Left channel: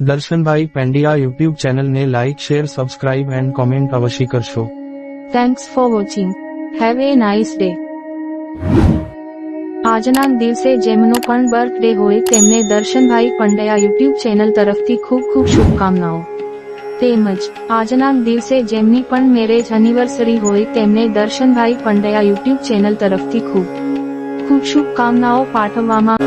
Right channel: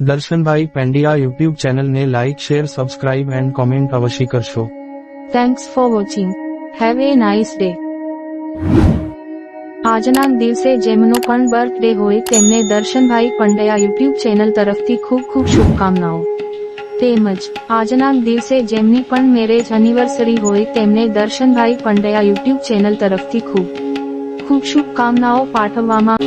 Darshanbhai પેંડિયા YouTube ચેનલને like share subscribe and comment અવશ્ય કરશો. Thanks for watching. Have a nice day. આજના દિવસે જેમનો પણ બર્થડે હોય તેમને દર્શનભાઈ પંડ્યા યુટ્યુબ ચેનલ તરફથી ખૂબ ખૂબ શુભકામનાઓ. તેમજ આજના દિવસે જેમની પણ મેરેજ એનિવર્સરી હોય તેમને દર્શનભાઈ પંડ્યા યુટ્યુબ ચેનલ તરફથી ખૂબ ખૂબ શુભકામનાઓ પાઠવવામાં